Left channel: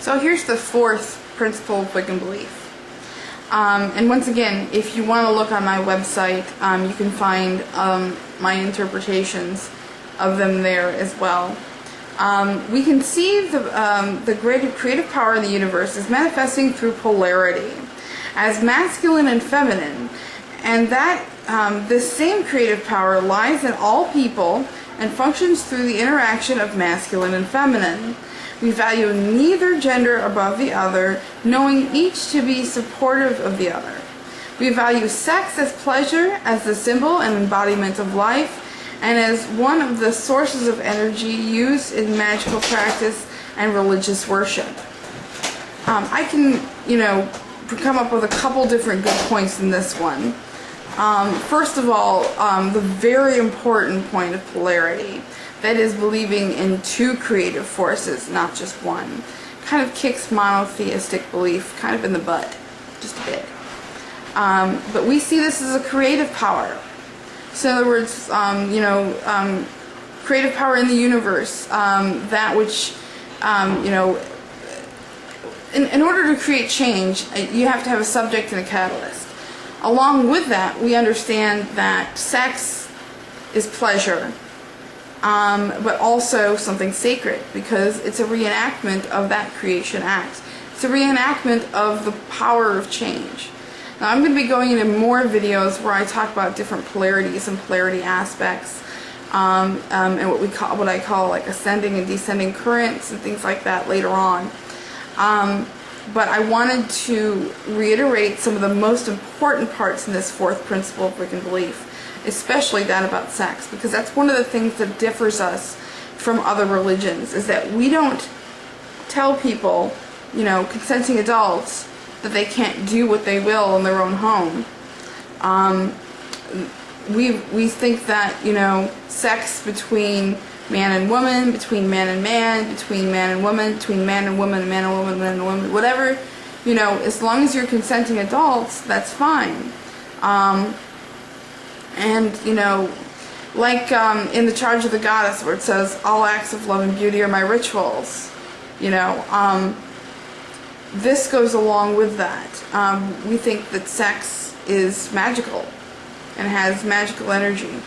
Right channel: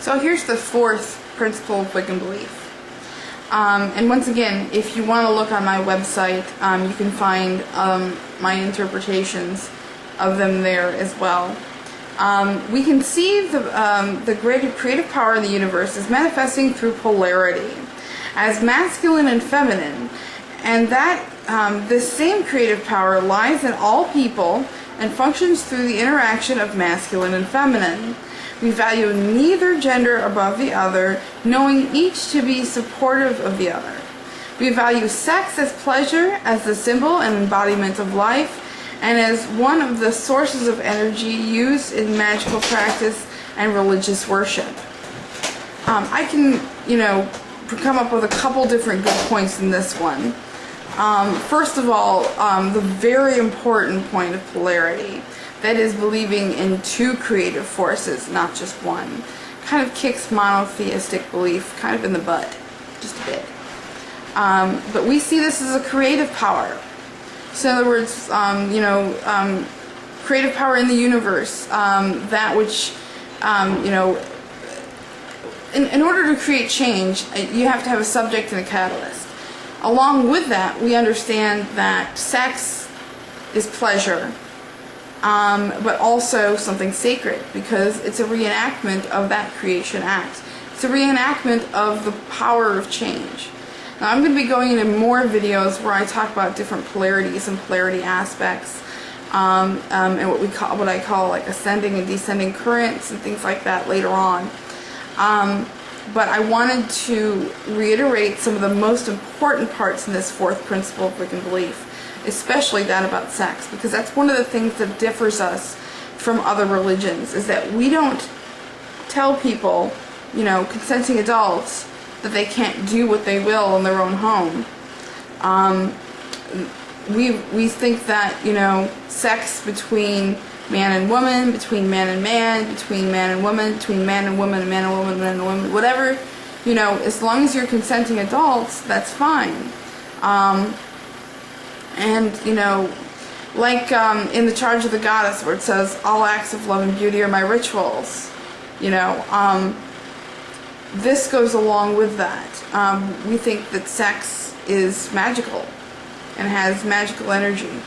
So here's the fourth principle of Wiccan belief. And once again, if you want to look on my website, you can find my interpretations of them there as well. We can see the great creative power in the universe is manifesting through polarity, as masculine and feminine, and that this same creative power lies in all people and functions through the interaction of masculine and feminine. We value neither gender above the other, knowing each to be supportive of the other. We value sex as pleasure, as the symbol and embodiment of life, and as one of the sources of energy used in magical practice and religious worship. I can, come up with a couple different good points in this one. First of all, the very important point of polarity, that is believing in two creative forces, not just one, kind of kicks monotheistic belief kind of in the butt, just a bit. But we see this as a creative power. So in other words, creative power in the universe, that which, in order to create change, you have to have a subject and a catalyst. Along with that, we understand that sex is pleasure, but also something sacred, because it's a reenactment of that creation act. It's a reenactment of the power of change. Now I'm going to be going into more videos where I talk about different polarities and polarity aspects, and what I call like ascending and descending currents and things like that later on. But I wanted to reiterate some of the most important parts in this fourth principle of Wiccan belief, especially that about sex, because that's one of the things that differs us from other religions, is that we don't tell people, consenting adults, that they can't do what they will in their own home. We think that, sex between man and woman, between man and man, between man and woman, between man and woman, man and woman, man and woman, whatever, as long as you're consenting adults, that's fine. Like in The Charge of the Goddess, where it says, all acts of love and beauty are my rituals, this goes along with that. We think that sex is magical and has magical energy.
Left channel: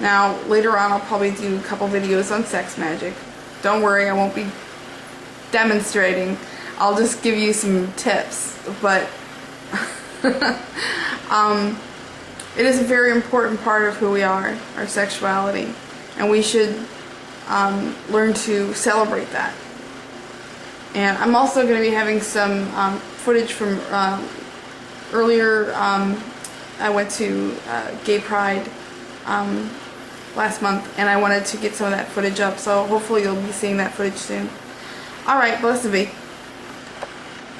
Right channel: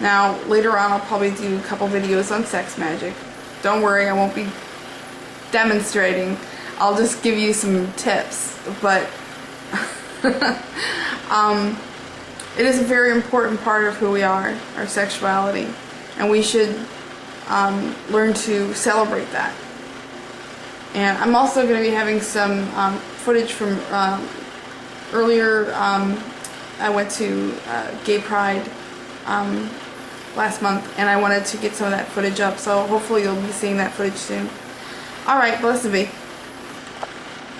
Now, later on I'll probably do a couple videos on sex magic. Don't worry, I won't be demonstrating. I'll just give you some tips. But it is a very important part of who we are, our sexuality. And we should learn to celebrate that. And I'm also going to be having some footage from earlier. I went to Gay Pride last month, and I wanted to get some of that footage up, so hopefully you'll be seeing that footage soon. Alright, blessed be.